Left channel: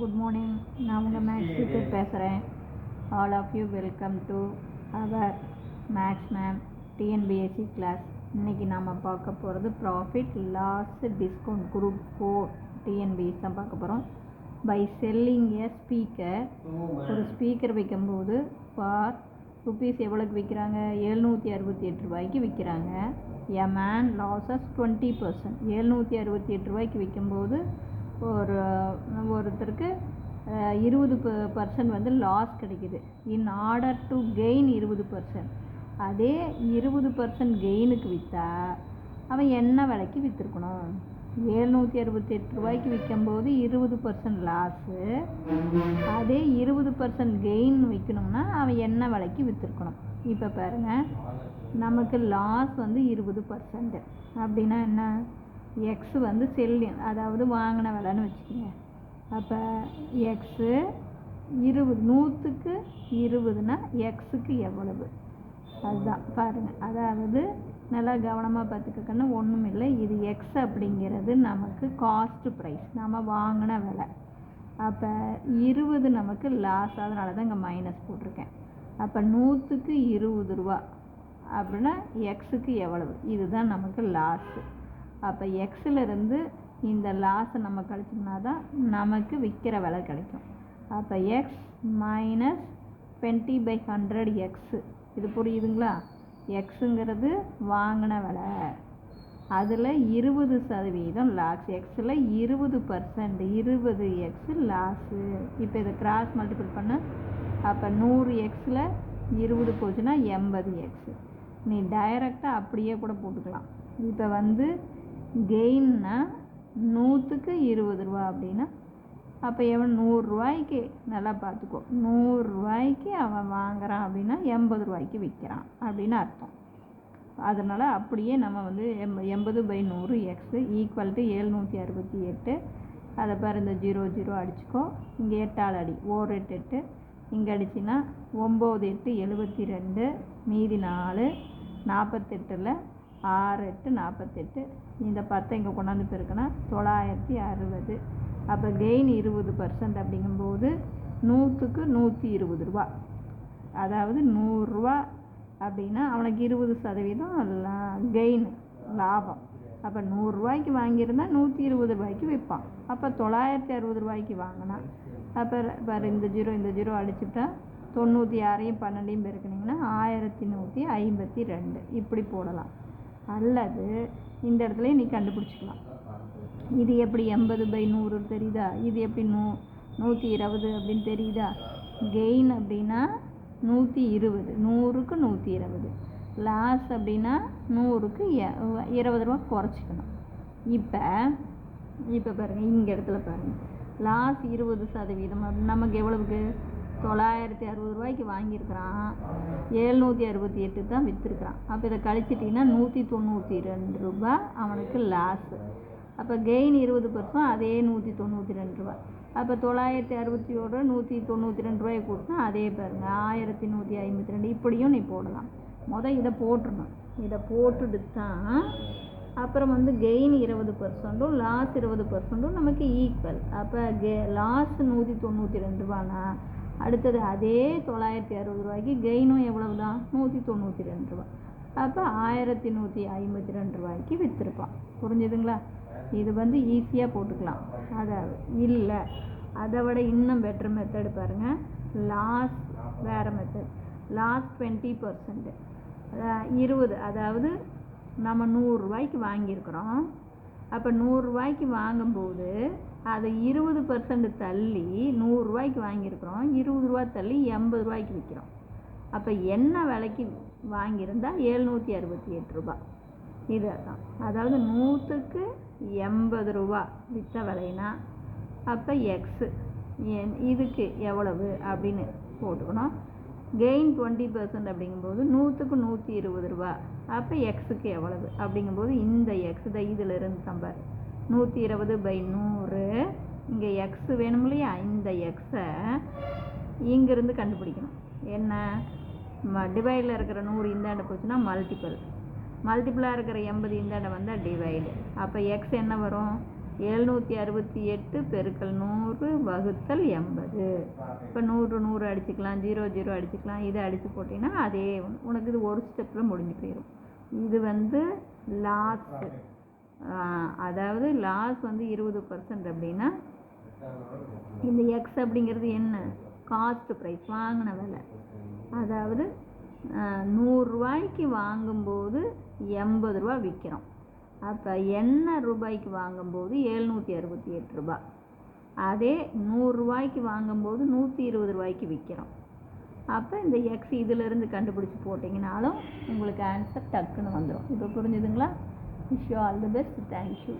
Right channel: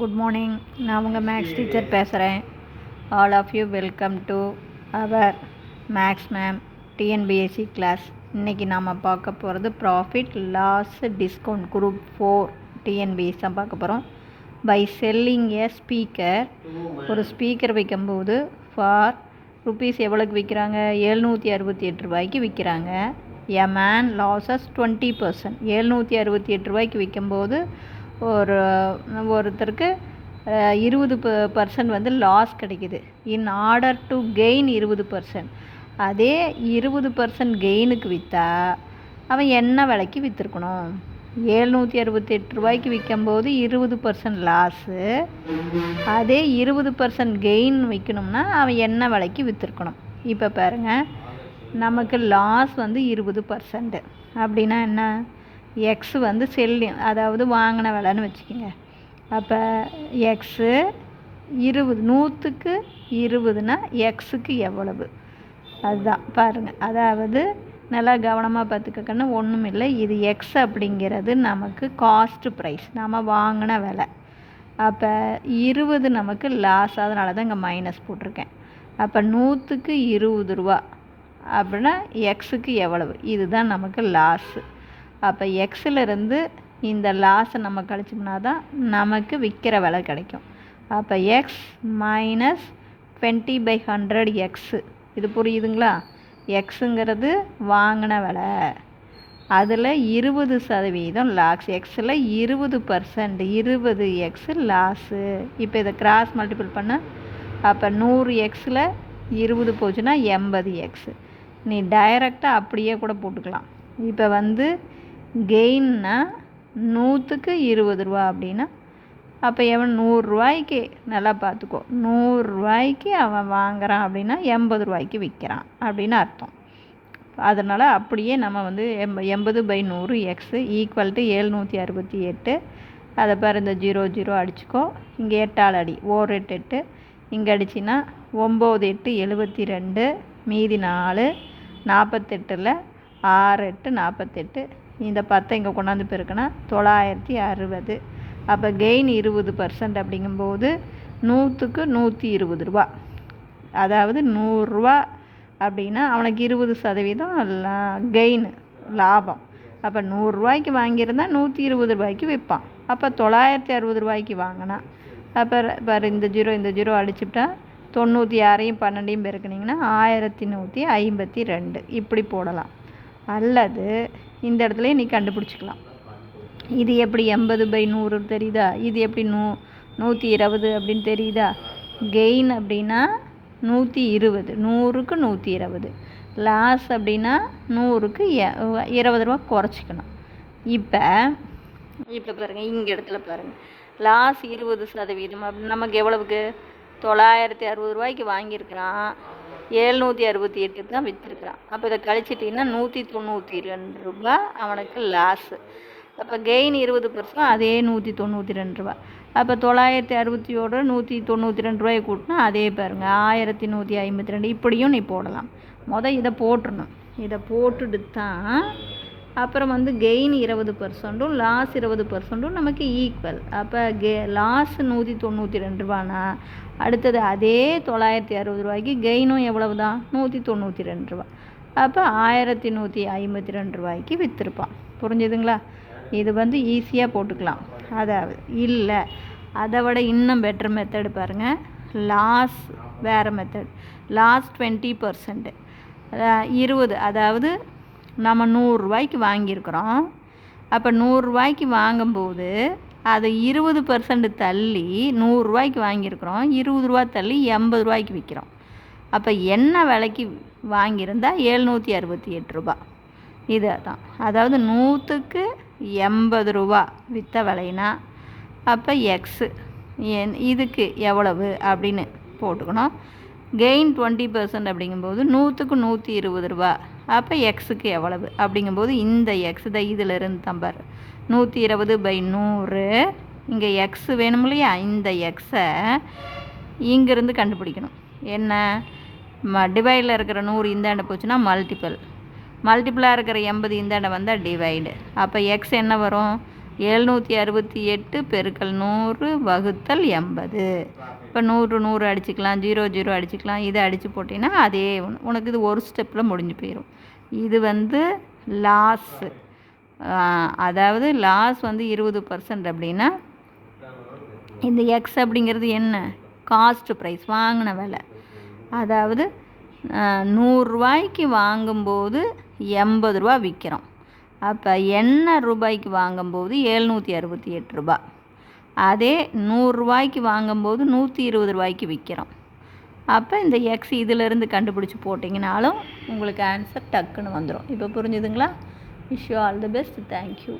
Good morning. நான் உங்கள் maths teacher பேசுகிறேன். All of you welcome to our maths ma'am TNPSC class. இன்றைக்கி நாம் பார்க்க போகிறது profit loss discount group 4 TNPS தான் பார்க்க போகிறோம். பை செல்லிங் ஏ ஸ்பீக்கர், ஒரு ஸ்பீக்கர் விற்கும்போது ஃபார் ருபீஸ் எவ்வளோக்கு விற்கிறாங்க? 768 ரூபாய்க்கு விற்கிறாங்க. A man losses 20%. 768 ரூபாய்க்கு விற்கும்போது ஒருத்தருக்கு 20% வந்து லாஸ் கிடைக்குது. In order to gain 20%. அதே 20% கெயினுக்கு விற்றா அவன் என்ன விலைக்கு விற்றுருக்கணும்? 768 ரூபாய்க்கு விற்கும்போது 20% லாஸு. அதே 20% கெயின் விற்கணும்னா அவன் என்ன விலைக்கு விற்றுருக்கணும்? இப்போ பாருங்கள், நமக்கு லாஸ் வந்து 20%. அப்படின்னா என்ன? எக்ஸ் வந்து செல்லிங், அதாவது வாங்கின விலைன்னு வச்சுக்கோங்க. அப்போ எக்ஸு 20, 100க்கு 20னா எக்ஸுக்கு எவ்வளவு? அதுதான் பாருங்கள். அதாவது நல்லா கவனமாக பார்த்துக்கன்னு ஒன்றும் இல்லை. இது எக்ஸ் அப்படிங்கிறது நமக்கு காஸ்ட் ப்ரைஸ், நம்ம வாங்கின விலை. அப்போ 20 நமக்கு லாஸ், அதனால தான் இங்கே மைனஸ் போட்டிருக்கேன். அப்போ 100க்கு 20 ரூபா அப்படின்னா எக்ஸுக்கு எவ்வளவு? இதுதான் நமக்கு லாஸு. அப்போ எக்ஸிலிருந்து இந்த லாஸை நம்ம கழிச்சோம்னா தான் நமக்கு விற்கிற விலை கிடைக்கும். அப்போ எக்ஸ் மைனஸ் 20/100 எக்ஸு. இது புரியுதுங்களா? எக்ஸுங்கிறது வாங்கின விலை, அதில் 20% லாஸ். எக்ஸில் 20%, 20 எக்ஸு லாஸு. இப்போ இதை கிராஸ் மல்டிபிள் பண்ண, அப்போ 100 எக்ஸில் 20 போச்சுன்னா 80 எக்ஸு. நீ டைரெக்டாக அப்படியே கூட போட்டுக்கலாம். இப்போ வந்து கெயின்னா 100க்கு 20 ரூபா அப்படின்னா அப்போ எவன் 100 ரூபாய்க்கு, நல்லா பார்த்துக்கோ, 100 ரூபாய்க்கு அவன் வாங்குறான் அப்படின்னா 80 ரூபாய்க்கு விற்கிறான் அப்படின்னு அர்த்தம். அதனால் அப்படியே நம்ம வந்து 80/100 எக்ஸு ஈக்குவல் டு 768. அதை பாரு, இந்த 0 அடிச்சுக்கோ. இங்கே 8ஆல் அடி, 8 8. இங்கே அடிச்சின்னா 9 8 72, மீதி 4. 48ல் 6 8 48. இந்த 10 இங்கே கொண்டாந்து பெருக்கினா 960. அப்போ கெயின் 20% அப்படிங்கும்போது 100க்கு 120 ரூபா. அதாவது 100 ரூபா அப்படின்னா அவனுக்கு 20% கெயின், லாபம். அப்போ 100 ரூபாய்க்கு வாங்கியிருந்தால் 120 ரூபாய்க்கு விற்பான். அப்போ 960 ரூபாய்க்கு வாங்கினா, அப்போ இந்த 0 அடிச்சுட்டா 96ஐயும் 12ஐயும் பெருக்கினீங்கன்னா 1152 இப்படி போடலாம். அல்லது இந்த இடத்துல நீ கண்டுபிடிச்சிக்கலாம். இது எப்படி 80/100 தெரியுதா? இது எப்படி 120 அப்படின்னு தெரியுதா? கெயின் அப்படின்னா 120, 100க்கு 120. லாஸ் அப்படின்னா 100க்கு 20 ரூபா குறைச்சிக்கணும். இப்போ பாருங்கள், இங்கே இடத்துல பாருங்கள், லாஸ் 20% அப்படி நமக்கு எவ்வளவுக்கு? 960 ரூபாய்க்கு வாங்கியிருக்கிறான், 768 தான் விற்றுருக்கிறான். அப்போ இதை கழிச்சிட்டிங்கன்னா 192 ரூபா அவனுக்கு லாஸு. அப்போ கெயின் 20%, அதே 192 ரூபா. அப்போ 960 192 ரூபாயை கூட்டினா அதே பாருங்கள் 1152. இப்படியும் நீ போடலாம். இதை போட்டுடணும். இதை போட்டுட்டு தான் அப்புறம் வந்து கெயின் 20%, லாஸ் 20% நமக்கு ஈக்குவல். அப்போ லாஸ் 192 ரூபானா அடுத்தது அதே 960 ரூபாய்க்கு கெயினும் எவ்வளவு தான்? 192 ரூபா. அப்போ 1152 ரூபாய்க்கு விற்றுருப்பான். புரிஞ்சுதுங்களா? இது வந்து ஈஸியாக போட்டுக்கலாம். அதாவது இல்லை, அதை விட இன்னும் பெட்டர் மெத்தடு பாருங்கள். லாஸ் வேறு மெத்தட். லாஸ் 20%, 20, அதாவது நம்ம 100 ரூபாய்க்கு வாங்கியிருக்கிறோம். அப்போ 100 ரூபாய்க்கு வாங்கும்போது அதை 20% தள்ளி 100 ரூபாய்க்கு வாங்கியிருக்கிறோம், 20 ரூபா தள்ளி 80 ரூபாய்க்கு விற்கிறோம். அப்போ என்ன விலைக்கு வாங்கியிருந்தால் 768 ரூபா. இது தான், அதாவது 100க்கு 80 ரூபா விற்ற விலைனா அப்போ எக்ஸு இதுக்கு எவ்வளவு அப்படின்னு போட்டுக்கணும். கெயின் 20% அப்படிங்கும்போது 100க்கு 120 ரூபா. அப்போ எக்ஸுக்கு எவ்வளவு அப்படிங்கும்போது இந்த எக்ஸ் தான் இதிலிருந்து தம்பார் 120/100. இங்கே எக்ஸு வேணும் இல்லையா? இந்த எக்ஸை இங்கேருந்து கண்டுபிடிக்கணும். என்ன? டிவைடில் இருக்கிற 100 இந்தாண்ட போச்சுன்னா மல்டிப்பிளாக இருக்கிற 80 இந்தாண்ட வந்தால் டிவைடு. அப்போ எக்ஸ் என்ன வரும்? 768 பெருக்கல் 100 வகுத்தல் 80. இப்போ 100 100 அடிச்சுக்கலாம், 0 0 அடிச்சுக்கலாம். இதை அடித்து போட்டிங்கன்னா அதே உனக்கு இது ஒரு ஸ்டெப்பில் முடிஞ்சு போயிடும். இது வந்து லாஸு. அதாவது லாஸ் வந்து 20% அப்படின்னா இந்த எக்ஸ் அப்படிங்கிறது என்ன? காஸ்ட் ப்ரைஸ், வாங்கின விலை. அதாவது 100 ரூபாய்க்கு வாங்கும்போது 80 ரூபா விற்கிறோம். அப்போ என்ன ரூபாய்க்கு வாங்கும்போது 768 ரூபா. அதே 100 ரூபாய்க்கு வாங்கும்போது 120 ரூபாய்க்கு விற்கிறோம். அப்போ இந்த எக்ஸ் இதிலேருந்து கண்டுபிடிச்சி போட்டிங்கனாலும் உங்களுக்கு ஆன்சர் டக்குன்னு வந்துடும். இப்போ புரிஞ்சுதுங்களா? Wish you all the best. Thank you.